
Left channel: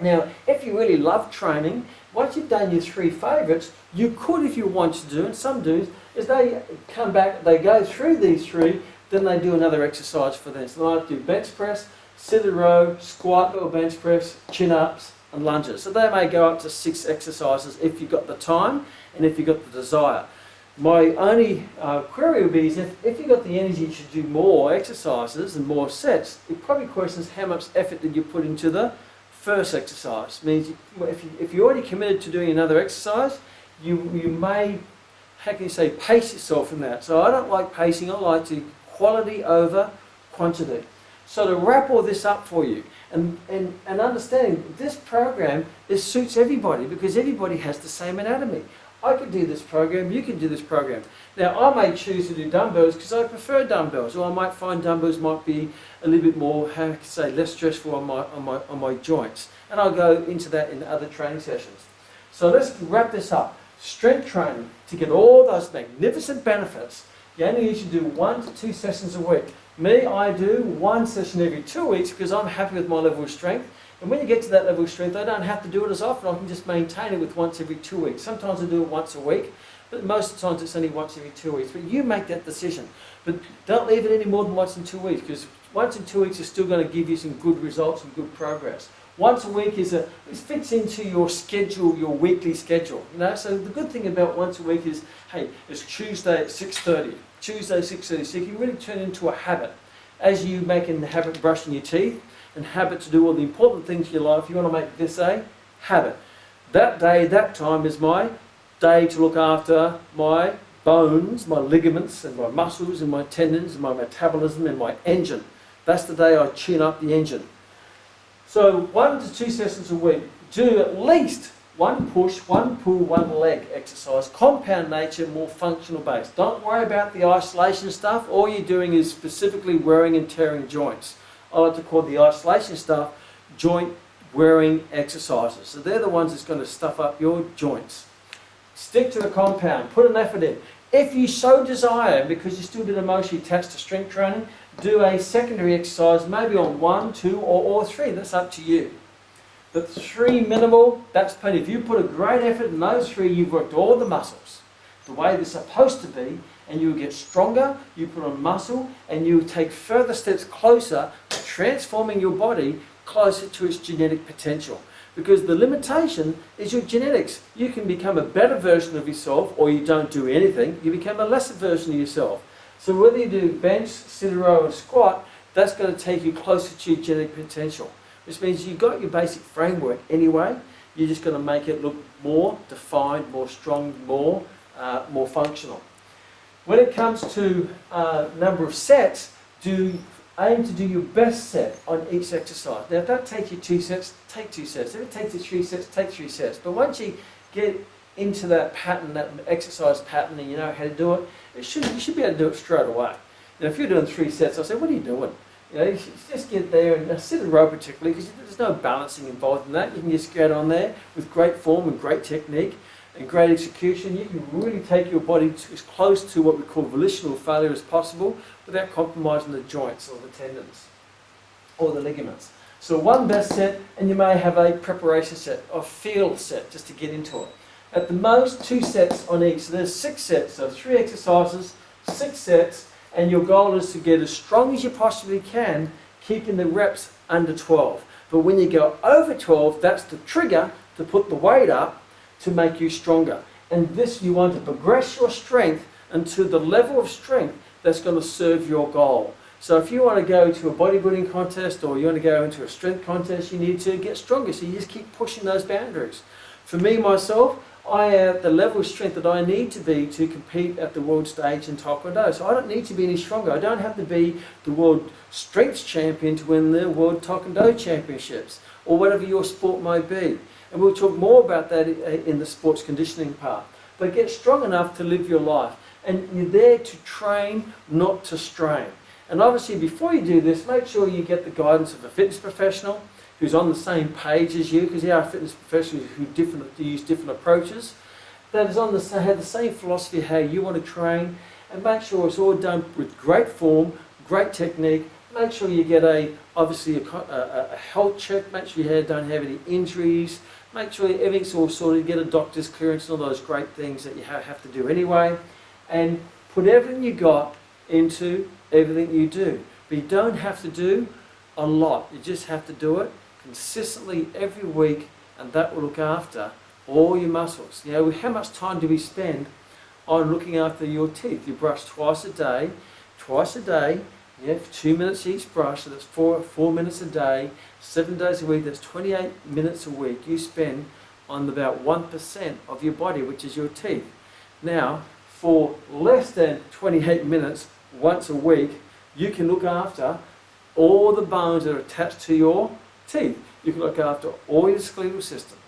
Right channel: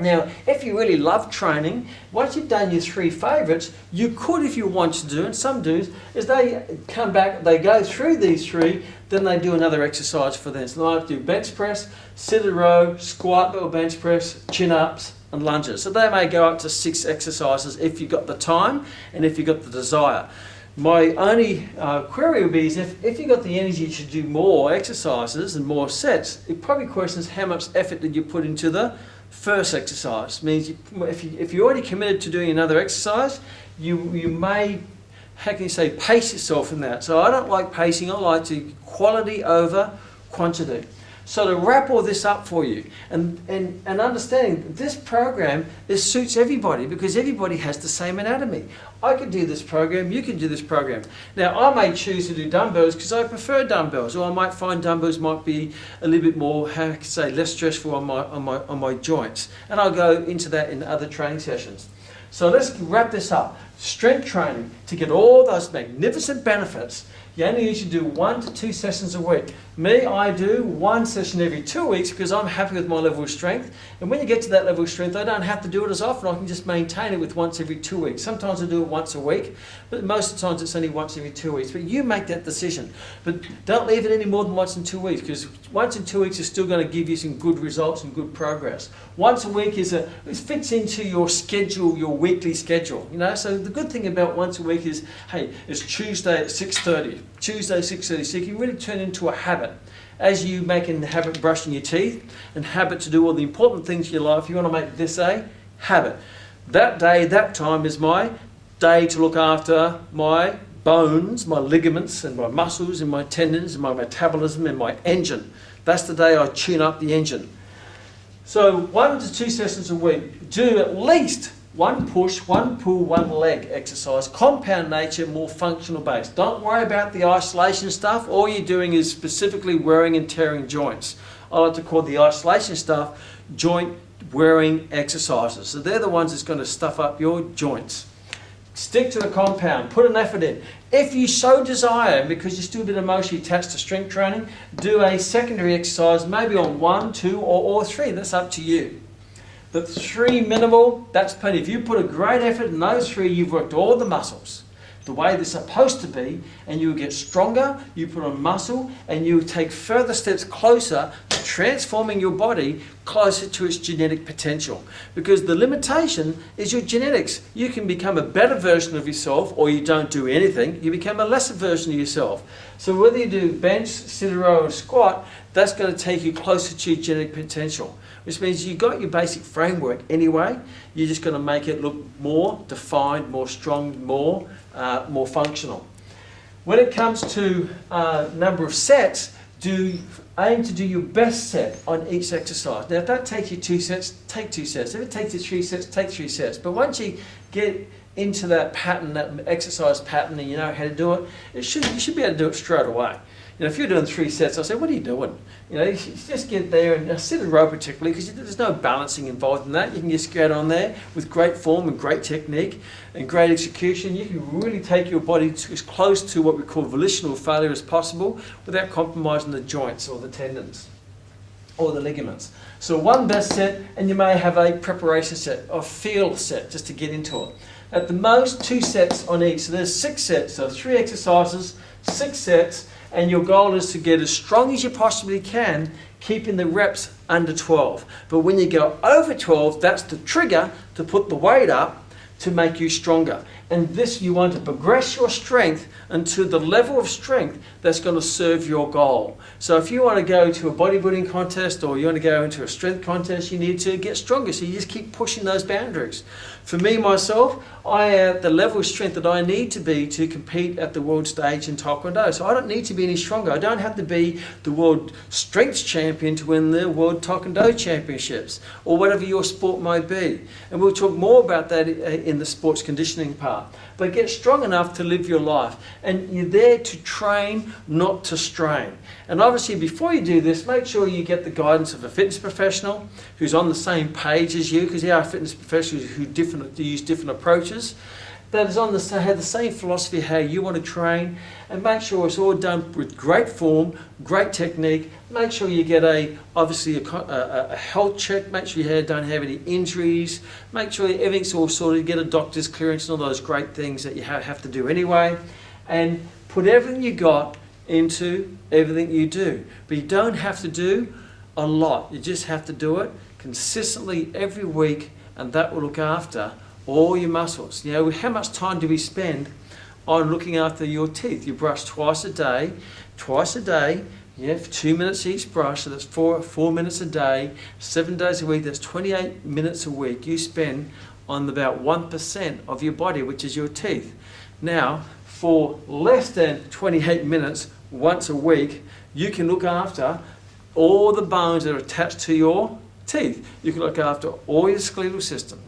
Now, if you really love training, once you've done your 3 favourites, you could, if you want to do, and some do, is they come back, they go through these 3, then they do another exercise for this. So they might do bench press, sit a row, squat or bench press, chin-ups, and lunges. So they may go up to 6 exercises if you've got the time and if you've got the desire. My only query would be is if you've got the energy to do more exercises and more sets, it probably questions how much effort did you put into the first exercise. It means if you're already committed to doing another exercise, you may, how can you say, pace yourself in that. So I don't like pacing, I like to quality over quantity. So to wrap all this up for you and understanding this program, it suits everybody because everybody has the same anatomy. I could do this program, you can do this program. Now I may choose to do dumbbells because I prefer dumbbells, or I might find dumbbells might be a little bit more, how can I say, less stressful on my joints. And I'll go into that in other training sessions. So let's wrap this up. Strength training, to get all those magnificent benefits, you only need to do 1 to 2 sessions a week. Me, I do 1 session every 2 weeks because I'm happy with my level of strength. And when you get to that level of strength, I don't have to do it as often. I can just maintain it with once every 2 weeks. Sometimes I do it once a week, but most of the times it's only once every 2 weeks. But you make that decision. But don't leave it any more than once in 2 weeks, because once in 2 weeks is still going to give you some good results and good progress. Once a week it fits into your schedule, your weekly schedule. So the good thing about once a week is, hey, it's Tuesday at 6:30. Tuesday 6:30. So you can really turn it into a habit. As you make a habit of brushing your teeth and habit to do all the important things in your life, you want to make this a habit. That day, that time is my day to look after my bones, my ligaments and my muscles and my tendons and my metabolism and my engine. That's the day I tune up the engine. So 1 to 2 sessions a week. Do at least 1 push, 1 pull, 1 leg exercise. Compound nature, more functional based. Don't worry about the isolation stuff. All you're doing is specifically wearing and tearing joints. I like to call the isolation stuff joint wearing exercises. So they're the ones that's going to stuff up your joints. Stick to the compound. Put an effort in. If you so desire, because you're still a bit emotionally attached to strength training, do a secondary exercise, maybe on 1, 2, or 3. That's up to you. But 3 minimal, that's plenty. If you put a great effort in those 3, you've worked all the muscles the way they're supposed to be, and you'll get stronger, you put on muscle, and you take further steps closer to transforming your body closer to its genetic potential. Because the limitation is your genetics. You can become a better version of yourself, or you don't do anything, you become a lesser version of yourself. So whether you do bench, sit a row, or squat, that's going to take you closer to your genetic potential. Which means you've got your basic framework anyway, you're just going to make it look more defined, more strong, more functional. When it comes to number of sets, aim to do your best set on each exercise. Now if that takes you 2 sets, take 2 sets. If it takes you 3 sets, take 3 sets. But once you get into that pattern, that exercise pattern, and you know how to do it, you should be able to do it straight away. If you're doing 3 sets, I say, what are you doing? You just get there and sit a row particularly, because there's no balancing involved in that. You can just get on there with great form and great technique and great execution. You can really take your body as close to what we call volitional failure as possible without compromising the joints or the tendons or the ligaments. So 1 best set, and you may have a preparation set or feel set just to get into it. At the most 2 sets on each. So there's 6 sets, so 3 exercises, 6 sets. And your goal is to get as strong as you possibly can, keeping the reps under 12. But when you go over 12, that's the trigger to put the weight up to make you stronger. And this, you want to progress your strength into the level of strength that's going to serve your goal. So if you want to go to a bodybuilding contest, or you want to go into a strength contest, you need to get stronger. So you just keep pushing those boundaries. For me, myself, I am the level of strength that I need to be to compete at the world stage in Taekwondo. So I don't need to be any stronger. I don't have to be the world strength champion to win the world Taekwondo championships, or whatever your sport might be. And we'll talk more about that in the sports conditioning part. but get strong enough to live your life. And you're there to train, not to strain. And obviously, before you do this, make sure you get the guidance of a fitness professional who's on the same page as you, because there are fitness professionals who use different approaches, that is have the same philosophy how you want to train, and make sure it's all done with great form, great technique. Make sure you get obviously a health check. Make sure you don't have any injuries. Make sure everything's all sorted. Get a doctor's clearance and all those great things that you have to do anyway. And put everything you got into everything you do. But you don't have to do a lot. You just have to do it consistently every week, and that will look after all your muscles. You know, how much time do we spend on looking after your teeth? You brush twice a day, yeah, for 2 minutes each brush, so that's four minutes a day, 7 days a week, that's 28 minutes a week you spend on about 1% of your body, which is your teeth. Now, for less than 28 minutes once a week, you can look after all the bones that are attached to your teeth. You can look after all your skeletal system.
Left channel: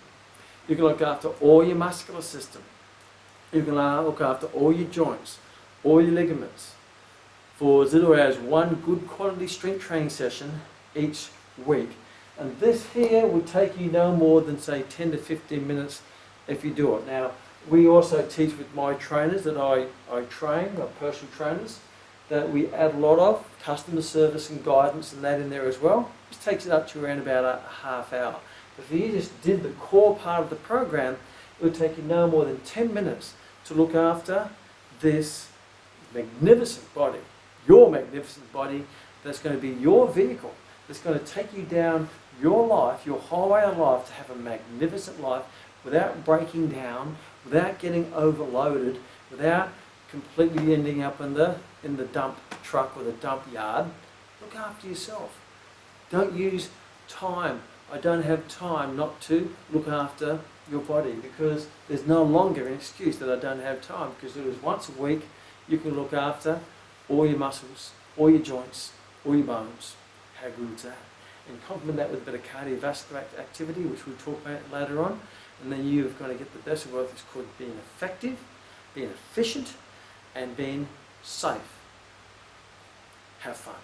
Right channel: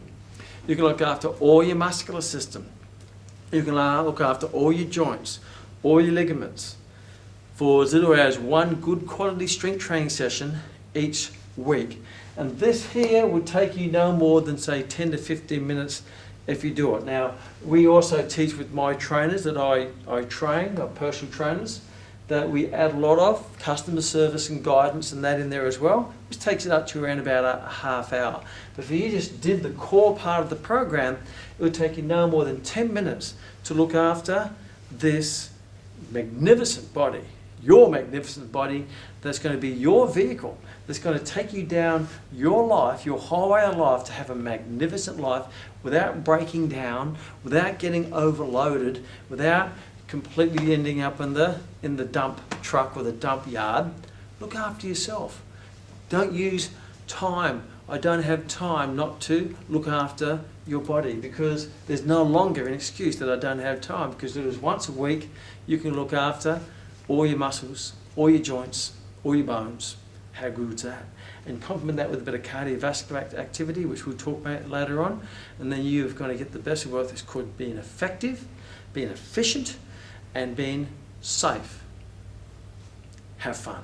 You can look after all your muscular system. You can look after all your joints, all your ligaments, for as little as one good quality strength training session each week. And this here would take you no more than, say, 10 to 15 minutes if you do it. Now, we also teach with my trainers that I train, our personal trainers, that we add a lot of customer service and guidance and that in there as well. This takes it up to around about a half hour. But if you just did the core part of the program, it would take you no more than 10 minutes to look after this magnificent body, your magnificent body, that's going to be your vehicle, that's going to take you down your life, your highway of life, to have a magnificent life without breaking down, without getting overloaded, without completely ending up in the dump truck or the dump yard. Look after yourself. Don't use time. I don't have time not to look after your body, because there's no longer an excuse that I don't have time, because it is once a week you can look after all your muscles, all your joints, all your bones. How good is that? And complement that with a bit of cardiovascular activity, which we'll talk about later on, and then you're going to get the best of both. It's called being effective, being efficient, and being safe. Have fun.